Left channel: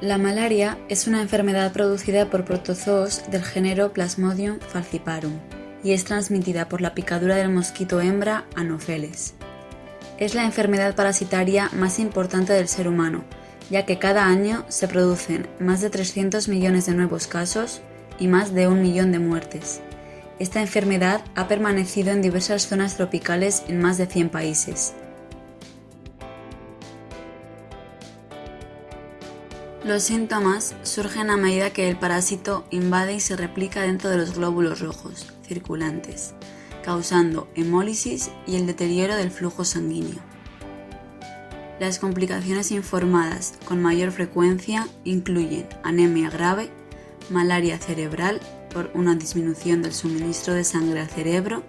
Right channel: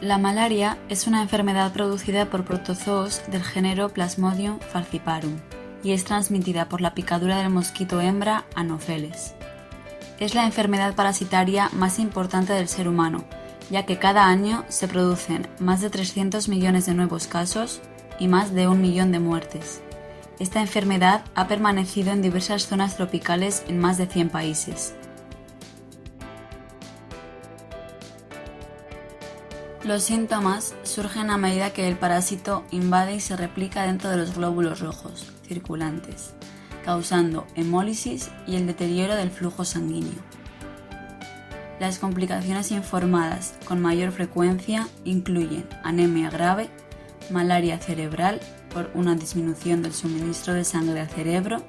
La malaria es una enfermedad producida por protozoos del género Plasmodium falciparum y es transmitida por la picadura del mosquito hembra Anopheles. Es la enfermedad parasitaria más importante del ser humano, ya que cada año se producen más de 300 millones de nuevos casos y más de 1 millón de muertes. Esta enfermedad ha permanecido en diversas zonas tropicales en más de 100 países. Los síntomas surgen a medida que el parásito invade y se replica dentro de los glóbulos rojos circulantes, causando hemólisis y el deterioro del flujo sanguíneo. Las complicaciones informadas con mayor frecuencia incluyen anemia grave, malaria cerebral por una disminución del suministro de sangre al cerebro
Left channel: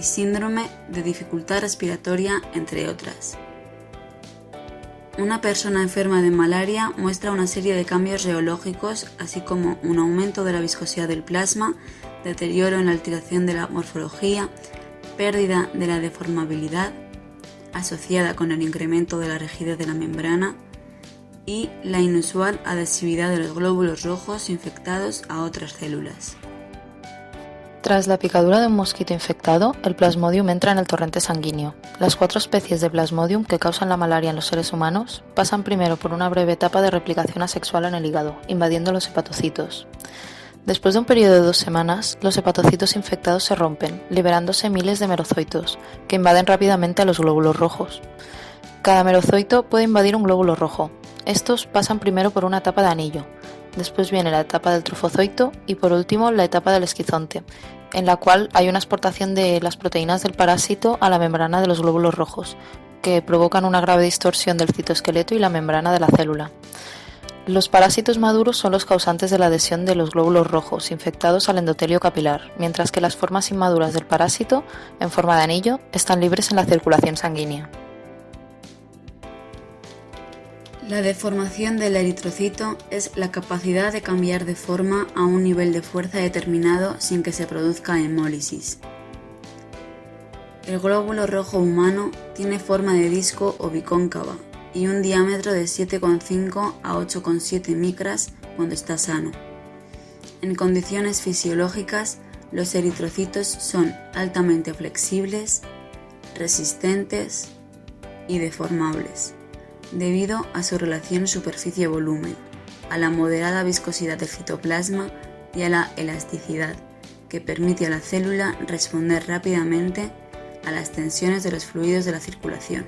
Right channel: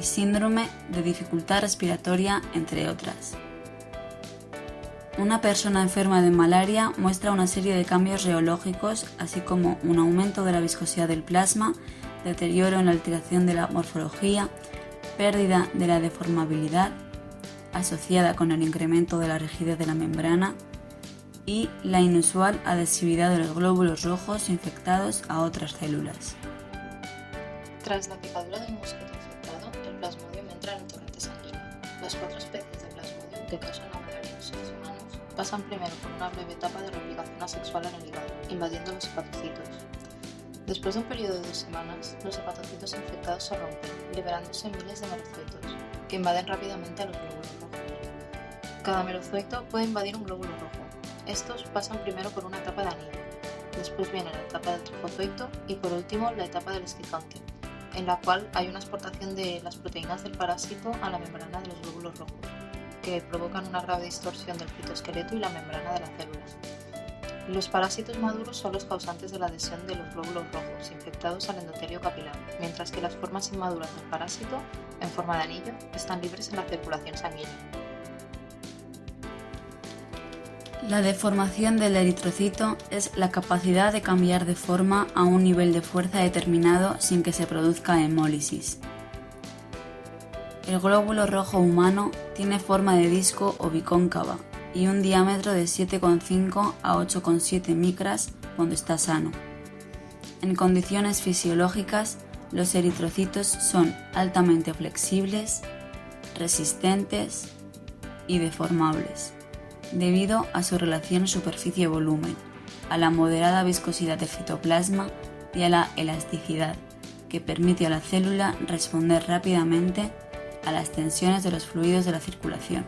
y síndrome de dificultad respiratoria, entre otras. Una persona enferma de malaria muestra una serie de cambios reológicos, así como un aumento de la viscosidad del plasma, deterioro en la alteración de la morfología, pérdida de la deformabilidad, asociada con el incremento de la rigidez de la membrana, y la inusual adhesividad de los glóbulos rojos infectados a otras células. Tras la picadura de un mosquito infectado, el Plasmodium entra en el torrente sanguíneo. Las 4 especies de Plasmodium que causan la malaria en los seres humanos pasan primero por una breve etapa de replicación asexual en el hígado, invadiendo los hepatocitos. Después de un periodo de 2 semanas, los hepatocitos infectados se rompen, liberándose miles de merozoitos, que invaden rápidamente a los glóbulos rojos. Cada merozoito puede invadir un glóbulo rojo. Estos pasan primero por una etapa de anillo. Después viene la etapa del trofozoito y por último la etapa del esquizonte, en la cual hay una exportación de las proteínas del parásito a la membrana de los glóbulos rojos, que provocan una grave distorsión del citoesqueleto y la membrana de la célula. Los parásitos maduros son los causantes de la adhesión de los glóbulos rojos infectados al endotelio capilar, mientras que las formas inmaduras del parásito, en forma de anillo, están libres en la circulación sanguínea. La deformación del eritrocito es la capacidad de cambiar de forma a un nivel de fuerza determinado sin que se produzca hemólisis. El glóbulo rojo humano tiene forma de disco o bicóncava y un diámetro de 7,5 a 8,7 micras cuando está sano. En condiciones fisiológicas, los eritrocitos son altamente flexibles, resistentes y deformables, debido a su relación superficie-volumen, a la moderada viscosidad del citoplasma y a la elasticidad, que permite a la célula responder rápidamente a las tensiones de los fluidos de la circulación.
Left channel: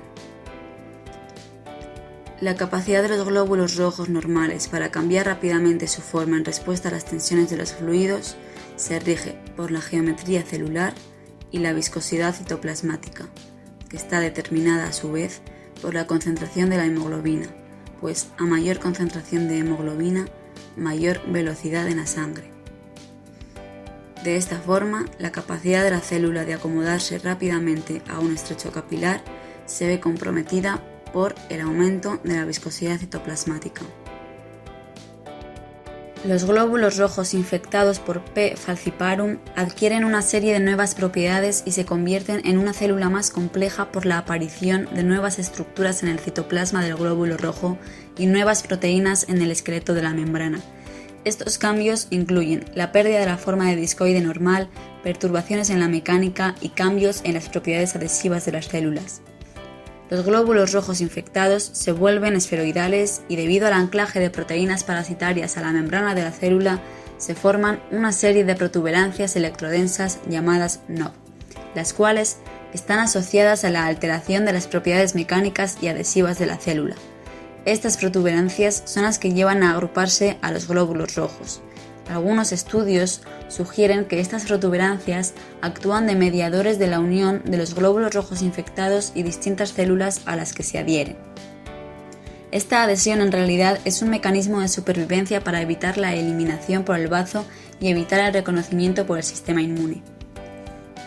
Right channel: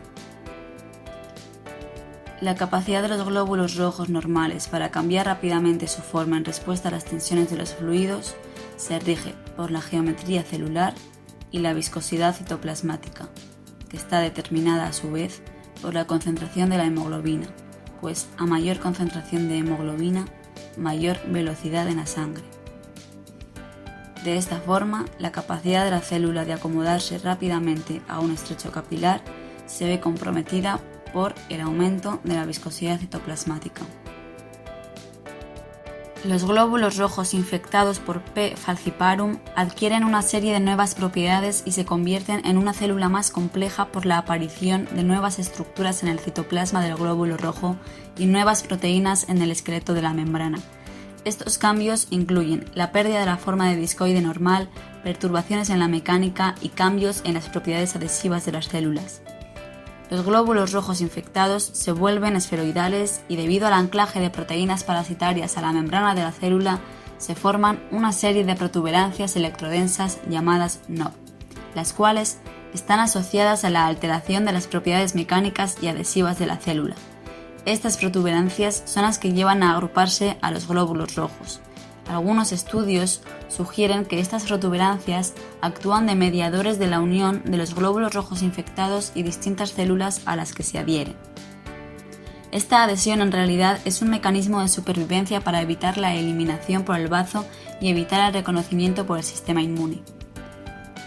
La capacidad de los glóbulos rojos normales para cambiar rápidamente su forma en respuesta a las tensiones de los fluidos se rige por la geometría celular y la viscosidad citoplasmática, que está determinada a su vez por la concentración de la hemoglobina, pues a mayor concentración de hemoglobina, mayor velocidad en la sangre. De esta forma, la capacidad de la célula de acomodarse rápidamente a un estrecho capilar se ve comprometida por el aumento de la viscosidad citoplasmática. Los glóbulos rojos infectados por P. falciparum adquieren una serie de nuevas propiedades y se convierten en una célula más compleja por la aparición de nuevas estructuras en el citoplasma del glóbulo rojo y nuevas proteínas en el esqueleto de la membrana. Estos cambios incluyen la pérdida de la forma de discoide normal, perturbaciones en la mecánica y cambios en las propiedades adhesivas de las células. Los glóbulos rojos infectados se vuelven esferoidales y debido al anclaje de proteínas parasitarias a la membrana de la célula se forman una serie de protuberancias electrodensas llamadas NOP, las cuales están asociadas a la alteración de las propiedades mecánicas y adhesivas de la célula. Estas protuberancias son las que llevan a agruparse a los glóbulos rojos. Algunos estudios sugieren que estas protuberancias actúan de mediadores de la unión de los glóbulos rojos infectados y distintas células a las que se adhieren. Esta adhesión en realidad es un mecanismo de supervivencia para evitar la eliminación por el bazo y evitar el reconocimiento por el sistema inmune.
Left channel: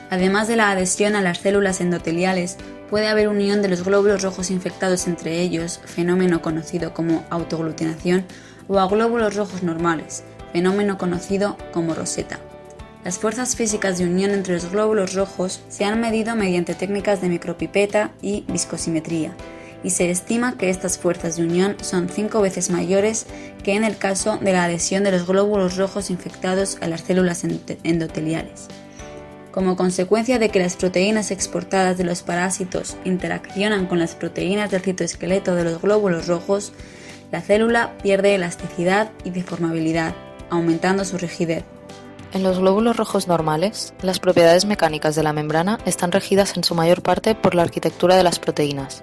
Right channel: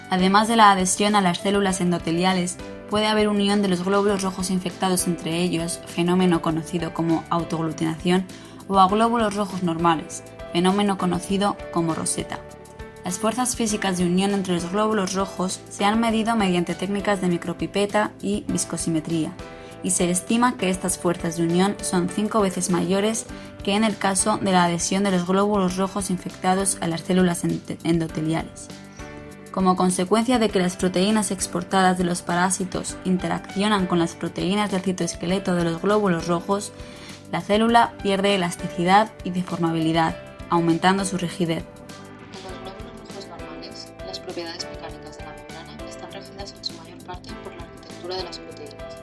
Además de la adhesión a las células endoteliales, puede haber unión de los glóbulos rojos infectados entre ellos, fenómeno conocido como autoaglutinación, o a glóbulos rojos normales, fenómeno conocido como roseta. Las fuerzas físicas de unión entre los glóbulos rojos se han medido mediante técnicas de micropipeta y viscosimetría, y se estima que estas fuerzas de unión son 5 veces mayores que en el caso de la adhesión de los glóbulos rojos infectados a las células endoteliales. Como consecuencia de que las proteínas exportadas de los parásitos interaccionan con las proteínas del citoesqueleto de los glóbulos rojos, la célula pierde elasticidad y deformabilidad, aumentando su rigidez. En los glóbulos rojos normales, las propiedades mecánicas de la membrana están regidas en su mayor parte por la arquitectura de las proteínas.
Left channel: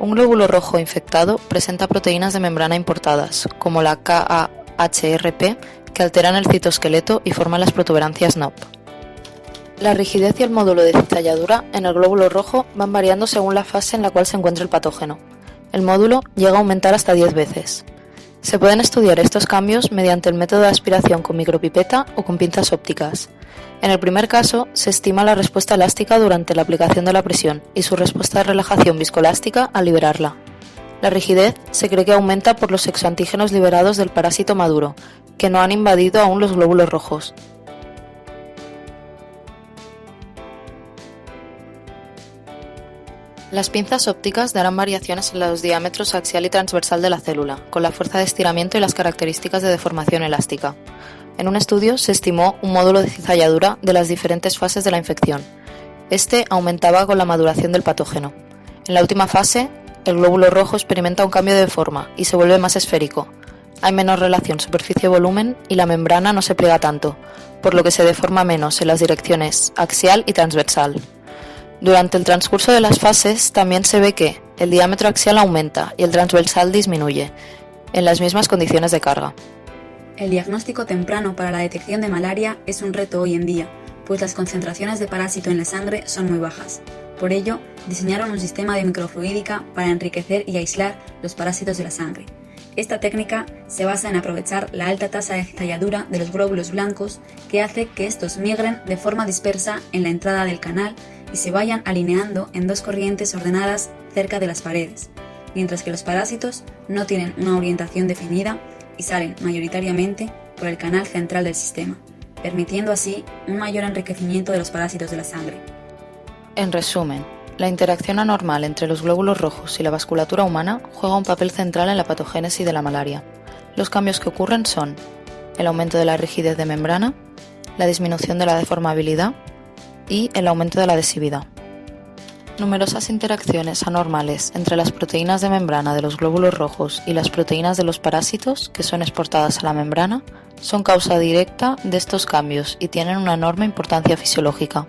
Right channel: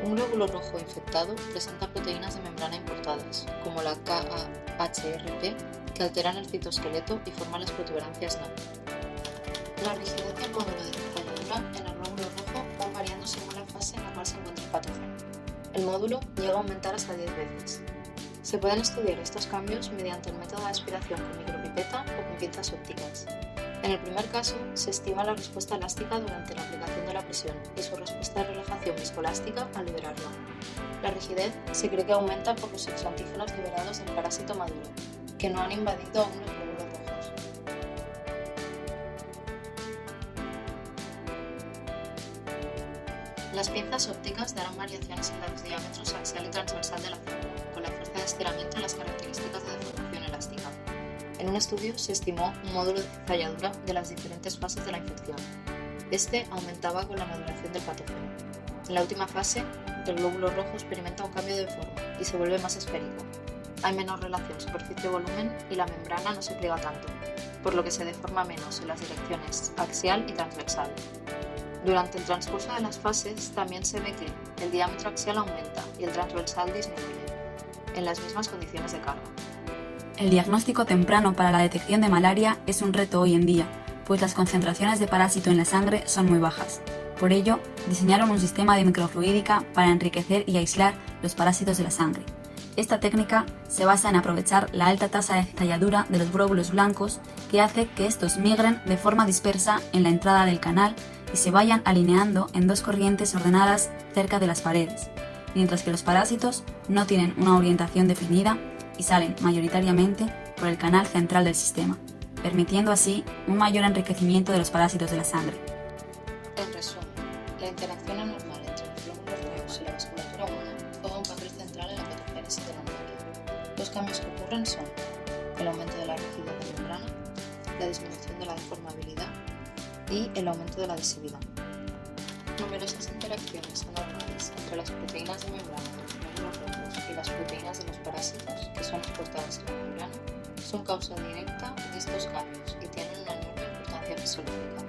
Un glóbulo rojo infectado presenta proteínas de membrana importadas, como la KAHRP, que alteran el citoesqueleto y forman las protuberancias NOP. La rigidez y el módulo de cizalladura en el glóbulo rojo van variando según la fase en la cual se encuentra el patógeno. El módulo llega a aumentar hasta 10 veces. Se pueden estudiar estos cambios mediante el método de aspiración con micropipeta o con pinzas ópticas. En el primer caso, se estima la respuesta elástica durante la aplicación de la presión y su respuesta de relajación viscoelástica al liberarla. La rigidez se cree que aumenta por los exoantígenos liberados del parásito maduro, que no han invadido aún los glóbulos rojos. Las pinzas ópticas darán variaciones en los diámetros axial y transversal de la célula, con la fuerza de estiramiento y las características de deformación elástica. En un estudio se estimó un módulo de cizalladura de las diferentes fases de la infección. Este aumentaba con la maduración del patógeno. En la última fase, el glóbulo rojo experimenta un cambio de forma y se vuelve más esférico. Hay menor relación superficie-volumen y la membrana no se pliega tanto, por lo que se deforma menos en las direcciones axial y transversal. Durante el transcurso de las fases también se ve que el diámetro axial aumenta y el transversal disminuye, en las mismas condiciones de carga. El diagnóstico temprano para la detección de malaria es un reto hoy en día, pues las concentraciones de parásito en la sangre son muy bajas. Por ello, diseñaron un sistema de microfluídica para enriquecer y aislar los parásitos de la sangre. Esta técnica se basa en aprovechar la alta tasa de cizalladura de los glóbulos blancos, que hace que estos migren de forma dispersa en la entrada del canal y se vayan alineando en dos corrientes ordenadas cerca de las paredes, mientras que los parásitos no tienen una orientación definida y salen mayoritariamente por el canal central del sistema, permitiendo así un mayor enriquecimiento de los parásitos de la sangre. En resumen, la interacción anormal entre los glóbulos rojos y la vasculatura humana juega un papel central en la patogénesis de la malaria. Los cambios que ocurren son el aumento de la rigidez de membrana, la disminución de la deformabilidad y el aumento de la adhesividad. Numerosas interacciones anormales entre las proteínas de membrana de los glóbulos rojos y las proteínas de los parásitos, que son exportadas a la membrana, son causa directa de estos cambios y tienen una enorme importancia fisiológica.